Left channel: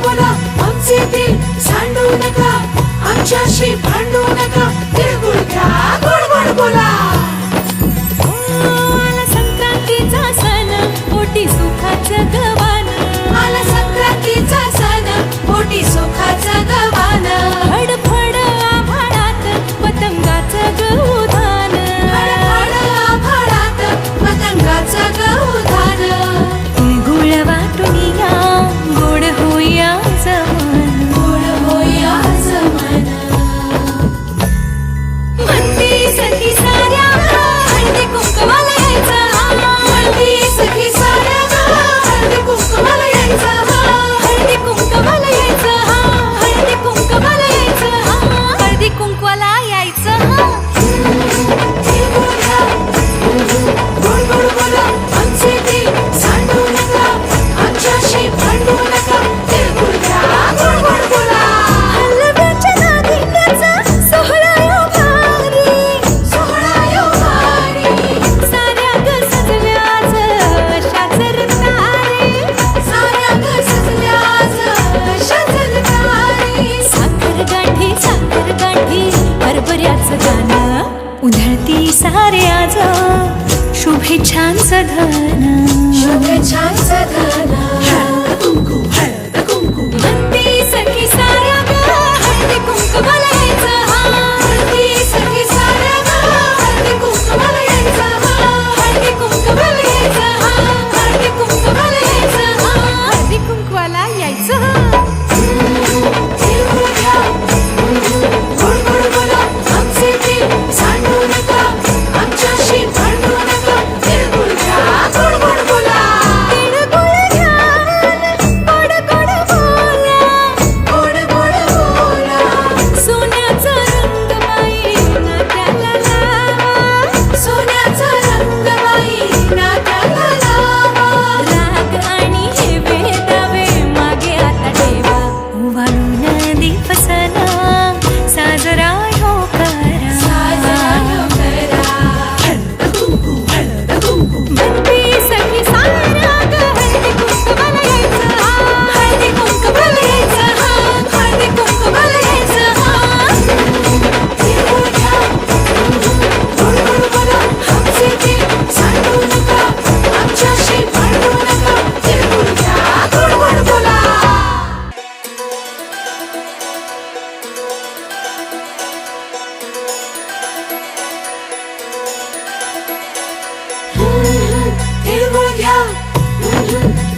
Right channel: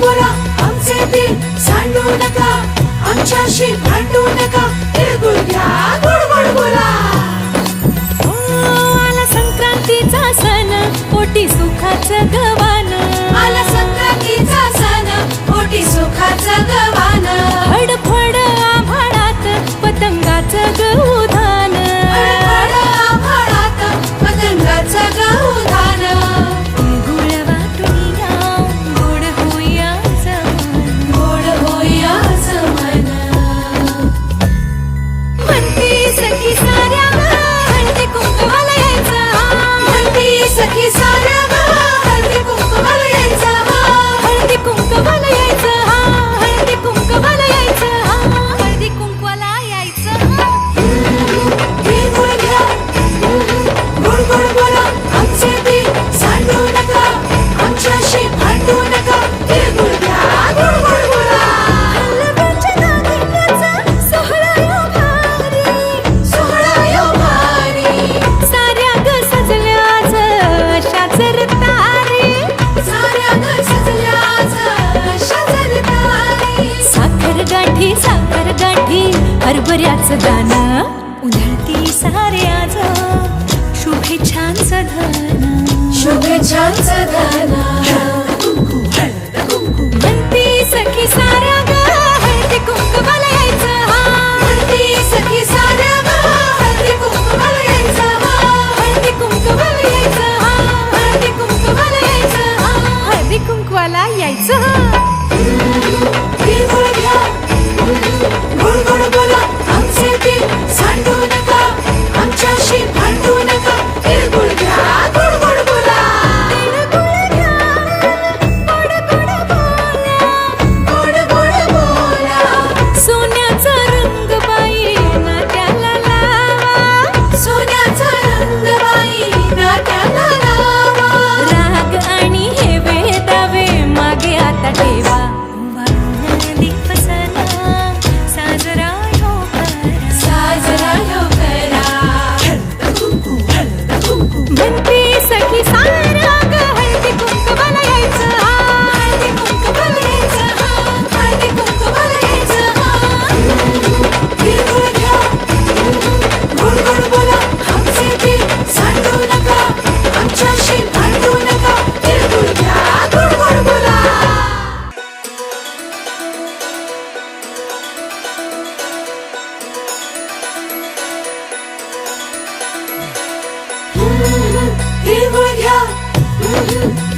बोला आमचे दिल सांडू नका, आमच्याशी भांडू नका, तिळगुळ घ्या गोड गोड बोला. आला संक्रांतीचा सण, पोटी सुखाचं गवान. आला संक्रांतीचा सण, पोटी सुखाचं गवान. फडफड आभाळात पतंगाचं गहुधान. फडफड आभाळात पतंगाचं गहुधान. तिळगुळ वाटून या, गोड होया जमान. गोड होया जमान. म्हणती सखी साऱ्या हळदी कुंकवाला यायचं. म्हणती सखी साऱ्या हळदी कुंकवाला यायचं. हळदी कुंकवाला यायचं. हळदी कुंकवाला यायचं. हळदी कुंकवाला यायचं. तिळगुळ घ्या गोड गोड बोला आमचे दिल सांडू नका, आमच्याशी भांडू नका, तिळगुळ घ्या गोड गोड बोला. हलव्याच्या नागिण्याचा सोहळा यो भारी. सोहळा यो भारी. साऱ्या ग सजल्या आज अशाच रतारी. साऱ्या ग सजल्या आज अशाच रतारी. साखर गाठी हरभऱ्याचं दाणं. उधळती सारे आज शुभेच्छांचं धन. शुभेच्छांचं धन. म्हणती सखी साऱ्या ग हळदी कुंकवाला यायचं. म्हणती सखी साऱ्या हळदी कुंकवाला यायचं. हळदी कुंकवाला यायचं. हळदी कुंकवाला यायचं. हळदी कुंकवाला यायचं. तिळगुळ घ्या गोड गोड बोला आमचे दिल सांडू नका, आमच्याशी भांडू नका, तिळगुळ घ्या गोड गोड बोला. तिळगुळ घ्या गोड गोड बोला. गोड गोड बोला. सोन्याचा रंग बाई नात्याला लावा. सोन्याचा रंग बाई नात्याला लावा. राग आणि हे वेदावे मागे आता ठेवा. वाळून दिवसना साजरा हो करा. साजरा ह्यो करा. म्हणती सखी साऱ्या ग हळदी कुंकवाला यायचं. हळदी कुंकवाला यायचं. हळदी कुंकवाला यायचं. तिळगुळ घ्या गोड गोड बोला आमचे दिल सांडू नका, आमच्याशी भांडू नका, तिळगुळ घ्या गोड गोड बोला. तिळगुळ घ्या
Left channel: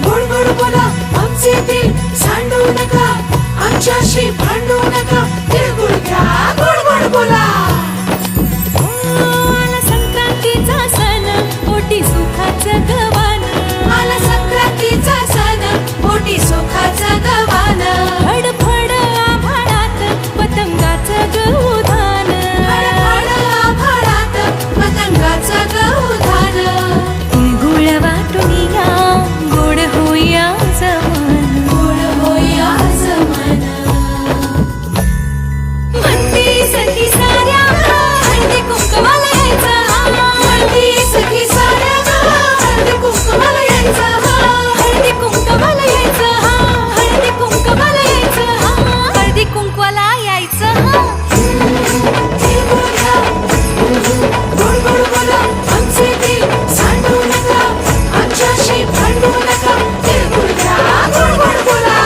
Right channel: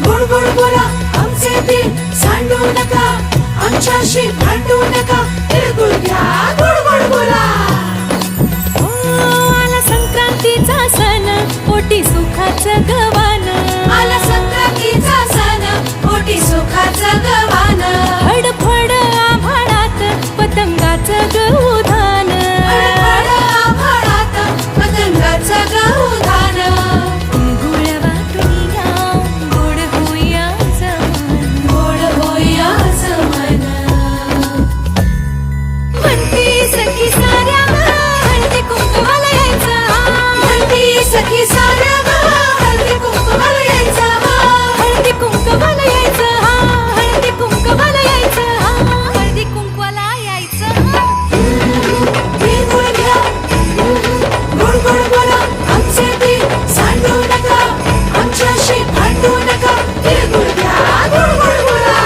गोड गोड बोला आमचे दिल सांडू नका, आमच्याशी भांडू नका, तिळगुळ घ्या गोड गोड बोला. आला संक्रांतीचा सण, पोटी सुखाचं गवान. आला संक्रांतीचा सण, पोटी सुखाचं गवान. फडफड आभाळात पतंगाचं गहुधान. फडफड आभाळात पतंगाचं गहुधान. तिळगुळ वाटून या, गोड होया जमान. गोड होया जमान. म्हणती सखी साऱ्या हळदी कुंकवाला यायचं. म्हणती सखी साऱ्या हळदी कुंकवाला यायचं. हळदी कुंकवाला यायचं. हळदी कुंकवाला यायचं. हळदी कुंकवाला यायचं. तिळगुळ घ्या गोड गोड बोला आमचे दिल सांडू नका, आमच्याशी भांडू नका, तिळगुळ घ्या गोड गोड बोला.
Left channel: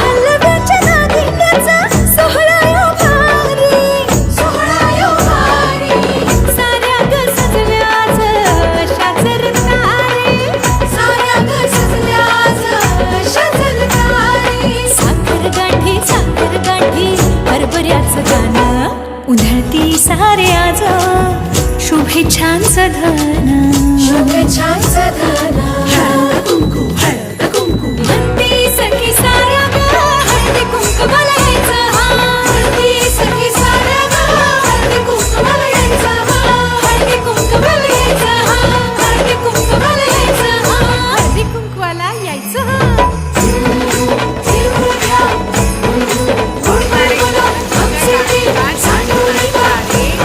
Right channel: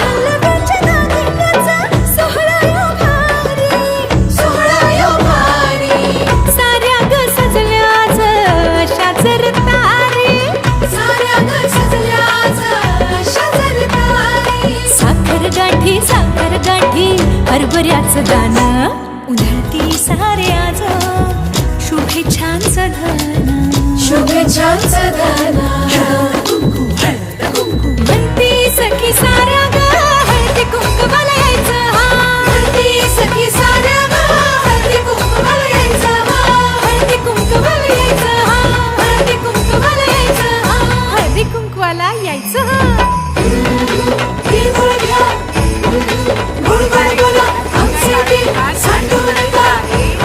हलव्याच्या नागिण्याचा सोहळा यो भारी. सोहळा यो भारी. साऱ्या ग सजल्या आज अशाच रतारी. साऱ्या ग सजल्या आज अशाच रतारी. साखर गाठी हरभऱ्याचं दाणं. उधळती सारे आज शुभेच्छांचं धन. शुभेच्छांचं धन. म्हणती सखी साऱ्या ग हळदी कुंकवाला यायचं. म्हणती सखी साऱ्या हळदी कुंकवाला यायचं. हळदी कुंकवाला यायचं. हळदी कुंकवाला यायचं. हळदी कुंकवाला यायचं. तिळगुळ घ्या गोड गोड बोला आमचे दिल सांडू नका,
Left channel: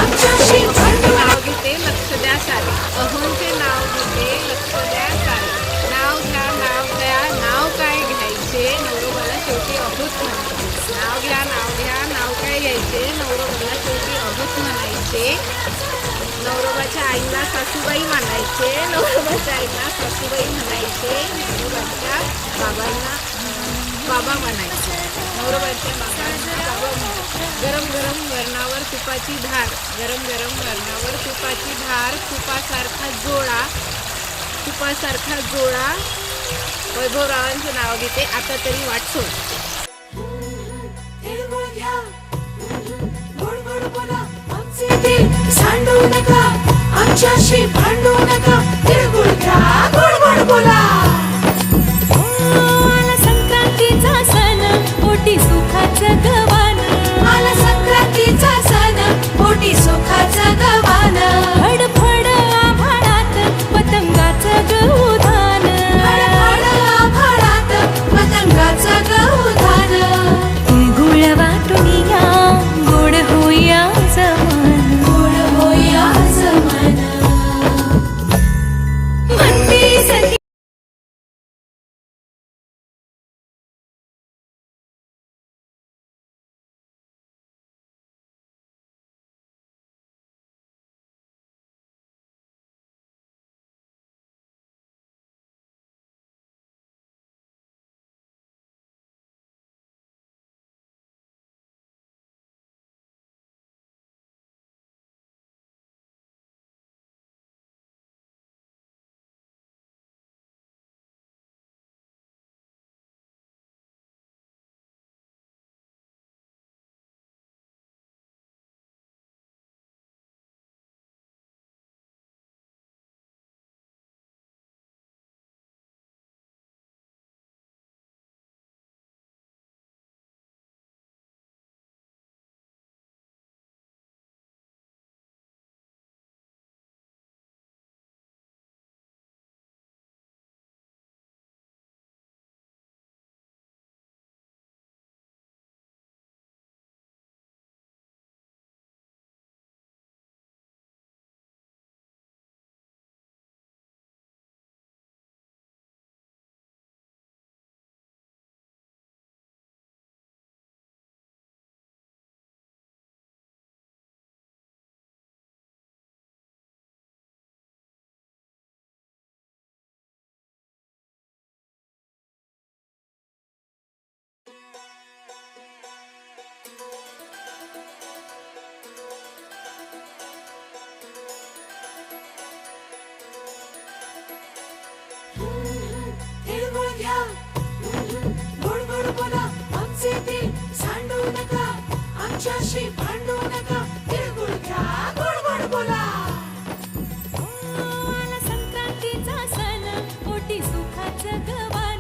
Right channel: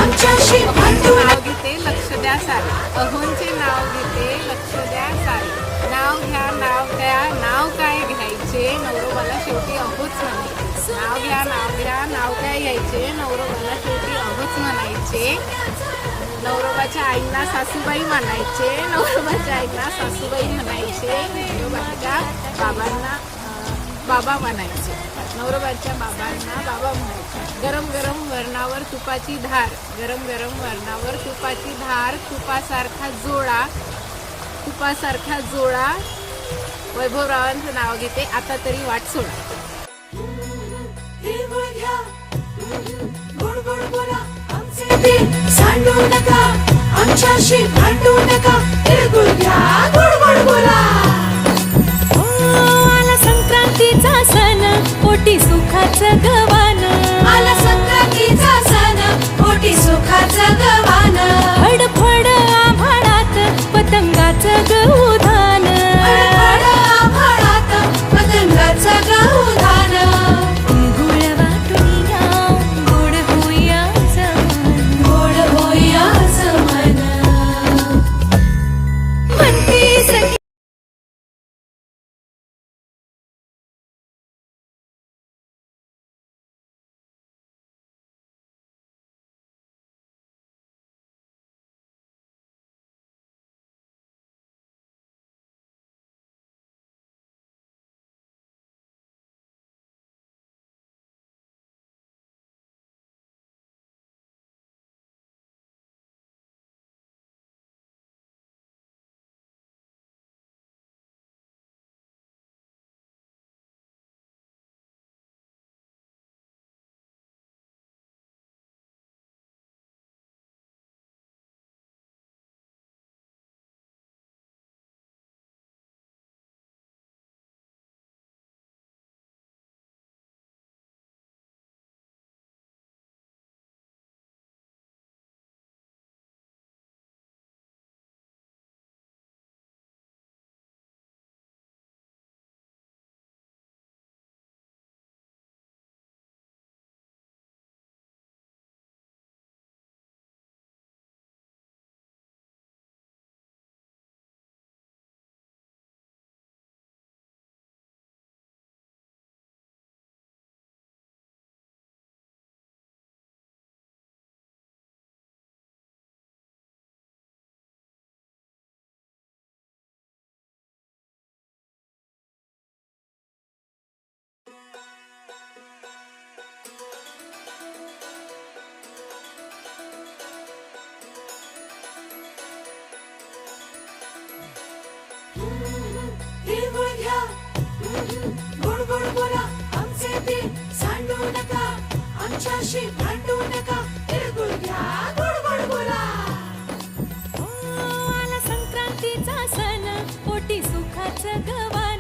आमच्याशी भांडू नका. नाव घेते लक्ष द्या सारे. अहोंचे नाव घेते लक्ष द्या सारे. नाव घ्या नाव काय घ्यायचे नवरोबा घ्यायचे, नवरोबाला शेवटी अहोच म्हणायचे, नवरोबाच्या आईंना सासूबाई म्हणायचे, नवरोबाच्या आईंना सासूबाई म्हणायचे, नवरोबाच्या बाबांना बाबा म्हणायचे, नवरोबाच्या बाबांना बाबा म्हणायचे. गरम गरम वरणावर तुपाची धार, गरम गरम वरणावर तुपाची धार, तुपासारखा जोळा, तुपासारखा जोळा. वैभवरावांचं नाव घेते, आता तरी वाट सोड. तिळगुळ घ्या, गोड गोड बोला, आमचे दिल सांडू नका, आमच्याशी भांडू नका. तिळगुळ घ्या, गोड गोड बोला. आला संक्रांतीचा सण, पोटी सुखाचं गवान, आला संक्रांतीचा सण, पोटी सुखाचं गवान. फडफड आभाळात पतंगाचं गौधान, फडफड आभाळात पतंगाचं गौधान. तिळगुळ वाटून या, गोड होया जमान, गोड होया जमान. म्हणती सखी तिळगुळ घ्या, गोड गोड बोला, आमचे दिल सांडू नका, आमच्याशी भांडू नका. तिळगुळ घ्या, गोड गोड बोला. आला संक्रांतीचा सण, पोटी सुखाचं गवान,